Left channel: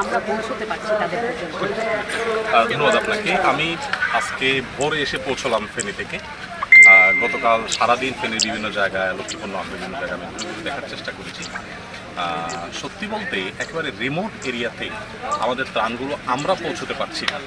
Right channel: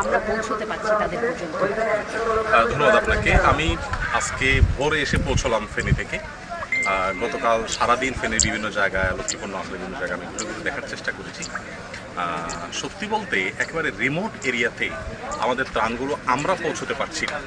আমরা ধন্যবাদ আপনাকে। আমি আজকে ভোরে এসে পৌঁছলাম ফেনী থেকে। গতকাল সারাদিন ফেনীর বিভিন্ন জায়গায় লক্ষ্মীপূর্ণ আসলে বিভিন্ন জায়গায় আমি দেখার চেষ্টা করেছি। সত্যি বলতে একেবারে রিমোট এরিয়াতে আমাদের ত্রাণগুলো আমরা পৌঁছতে পারছি না।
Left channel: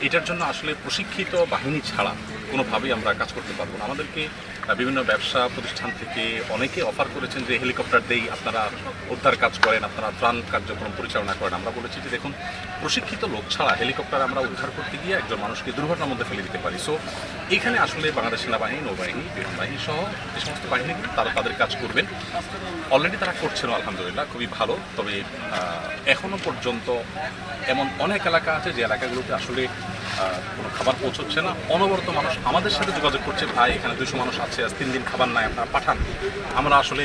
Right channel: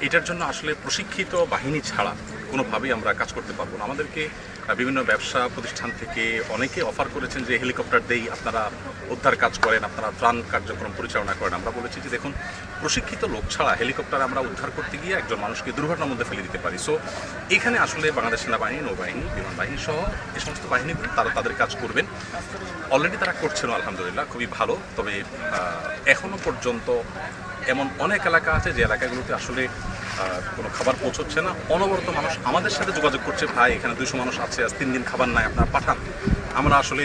এটার জন্য আসলে প্রশিক্ষিত বাহিনী ছাড়া কোনোভাবেই আমরা কাজ করতে পারব না। আমাদেরকে বিভিন্ন ব্যবসা প্রতিষ্ঠান থেকে অনেকে অফার করেছেন যে হেলিকপ্টার দেই আপনারা উদ্ধার কাজ করেন আপনারা ত্রাণ কার্যক্রম পরিচালনা করেন। আমরা বলেছি যে দেখুন প্রশিক্ষিত লোক ছাড়া হেলিকপ্টার আমরা উদ্ধার করতে গিয়ে একজন মানুষকে দুর্ঘটনার মধ্যে ফেলে দিতে পারি। সো এখানে আসলে বাংলাদেশ সেনাবাহিনী নৌবাহিনী বিমান বাহিনী সহ এই সমস্ত বাহিনী তারা তাদের কাজ করবেন। অলরেডি তারা করছেন আলহামদুলিল্লাহ খুবই ভালো। তবে আহ, এখনও পর্যন্ত এমন অনেক এলাকা আছে যে এলাকাগুলোতে আসলে কোনো খাবার পৌঁছচ্ছে না। অনবরত মানুষ আমাদের সাথে যোগাযোগ করছে। ভাই, এখানে দুশো মানুষ আছে, আজ তিন দিন খাবার নাই, আপনারা পাঠান। আমরা আসলে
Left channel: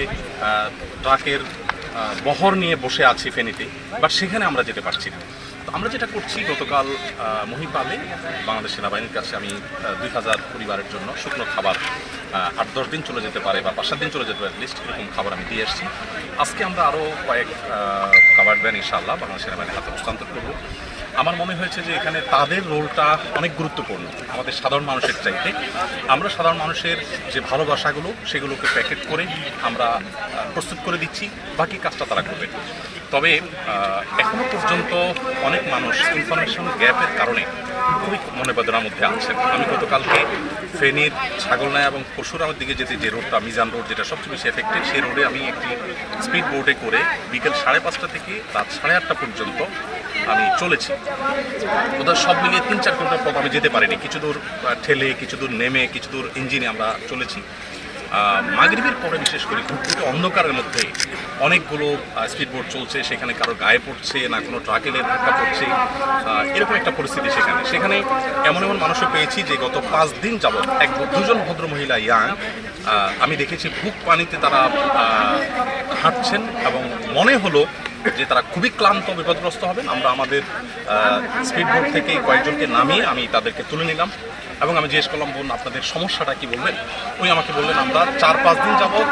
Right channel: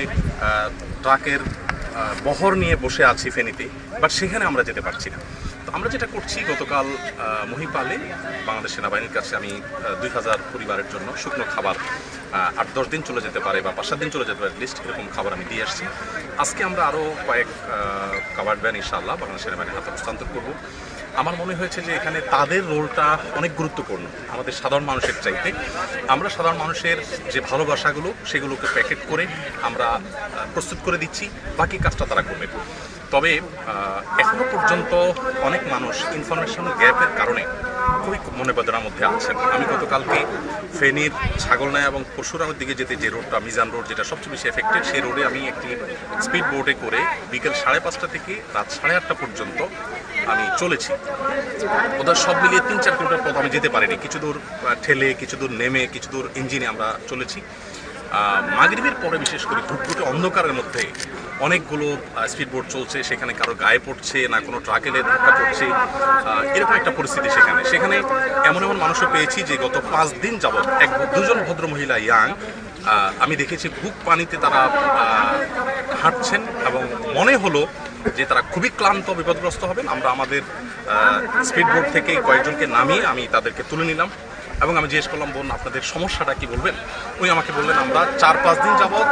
ট্রাকের বহর নিয়ে বসে আছি ফেনীতে, বাট সেখানে আমরা যেতে পারছি না। তো আমরা যেটা করছি গতকাল মহিপালে বাংলাদেশ সেনাবাহিনীর কাছে আমি দুই হাজার পরিবারের জন্য শুকনো খাবার আট দশ দিন চলে যেতে পারে বা পাঁচ সাত দিন চলে যেতে পারে লিস্ট এরকম খাবার আমি দিয়ে আসছি। আজকে আমরা আরও কয়েক খাবার ভ্যান ইনশাআল্লাহ বাংলাদেশ সেনাবাহিনীর হাতে হস্তান্তর করব। আমার মনে হয়েছে যে এখানে তাদের রোলটা অনেক গুরুত্বপূর্ণ আমাদের সাধারণ মানুষের চাইতে। আমরা সাধারণ মানুষের যে ভালোবাসাগুলো সেগুলোকে প্যাকেট করে আমরা প্রস্তুত করে দিচ্ছি বাকি কাজটা তারা করবেন তবে আহ, এখনও পর্যন্ত অনেক মানুষ ইনফরমেশন গ্যাপের কারণে খুবই মনে বেদনার মধ্যে আছেন। আমি গতকালকে ফেনীর ছাগলনায়া এবং পরশুরামের দিকে যেতে যে রোডটা মিজান রোড যেটা সবচেয়ে বেশি এফেক্টেড সেই রোডে আমি একটি স্পিড বোর্ডে করে বিকেল সাড়ে পাঁচটা থেকে রাত সাড়ে আটটা পর্যন্ত আমি চলেছি। ওদের সব মিলিয়ে তিন চার কিলোমিটার পথ আমি যেতে পারিনি। কিছু দূর ঠেলে, কিছু দূর নেমে, কিছু দূর ইঞ্জিনে আমরা চলেছি। মাগরিবের পরে বিশেষ করে ঘুটঘুটে অন্ধকারের মধ্যে অনেকগুলো স্পিড বোট চলছে, সেখানে কারও গায়ে পড়ছে, না কোনো ট্রাক ধাক্কা পড়ছে এরকম একটা পরিস্থিতি সেখানে। সেখানে এমন এমন মানুষও পেয়েছি যে গত পাঁচ দিন যাবৎ এক দুজন ভদ্র মহিলা, ইয়াং আমি দেখেছি বুক পানিতে তারা হাঁটছেন এবং মনে হলো যে তারা খুবই ক্লান্ত, বিপদগ্রস্ত হবেন। আমরা আমাদের স্পিড বোট থেকে কয়েকজনকে নামিয়ে আমি তাদেরকে তুলে নিলাম। এবং আমি জিজ্ঞেস করলাম, বোন, আপনাদের সমস্যাটা কি বলবেন? ওই আমাকে বললেন, আমরা চার পাঁচ দিন যাবৎ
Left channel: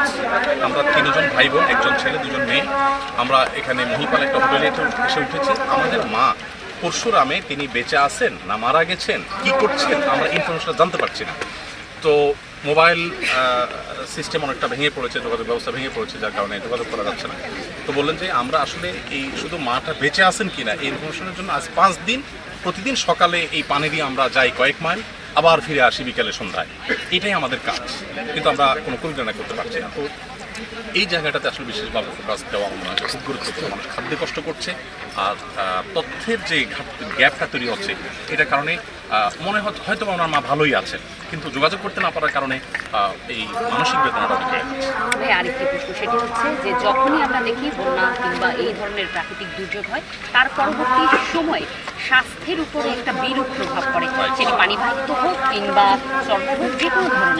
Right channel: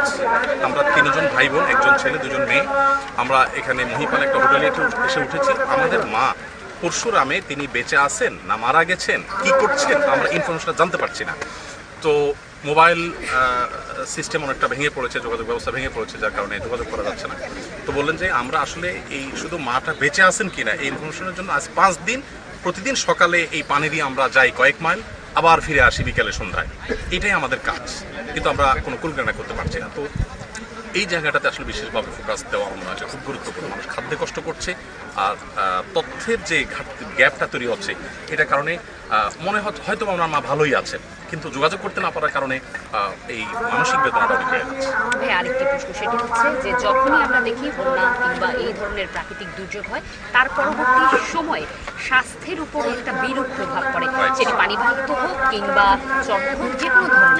আমরা তিনজন ভাই বোন একজন ছেলে, দুজন মেয়ে, আমরা এখানে মহিপাল একটা হোটেলে এসে উঠেছি। আমাদের মা পরশুরামে তিনি বেঁচে আছেন না মারা গেছেন, কি করছেন আমরা ইনফরমেশনটা জানতে পারছি না। তো মোবাইল সিস্টেম অনেকটা ভেঙে পড়েছে, যোগাযোগ ব্যবস্থা ভেঙে পড়েছে, যার কারণে যোগাযোগ করা যাচ্ছে না। তো বললেন যে আমরা আসলে এই শুধু মাটা বেঁচে আছেন কিনা, এই ইনফরমেশনের জন্য আজ পাঁচ দিন, প্রতিদিন সকালে এই পানি দিয়ে আমরা যাই কয়েক মাইল। আবার ফিরে আসি বিকেলে সন্ধ্যায়। এটাই আমাদের কাজ। কিন্তু আমরা কোনো কুলকানা করতে পারছি না। তো এই জায়গাটাতে আসলে বিশেষভাবে ফোকাস দেওয়া আমার খুব গুরুত্বপূর্ণ। মানুষ খাদ্যে কষ্ট করছে আর তথ্যের যে গ্যাপটা তৈরি হচ্ছে, এটার কারণে মনে হয় হয়তো আমার মা ভালোই আছে কিন্তু যোগাযোগ করতে না পারার কারণে এই মানসিক বেদনাটা যাচ্ছে। হচ্ছে যে যখনই আমরা দেখি বন্যা কিংবা এই ধরনের প্রাকৃতিক দুর্যোগ হয়, তার পরবর্তী সময়ে স্বাস্থ্যের উপরে একটা বিরূপ প্রভাব পড়ে। সেটি পানিবাহিত হোক কিংবা চর্ম হোক যে কোনো ধরনের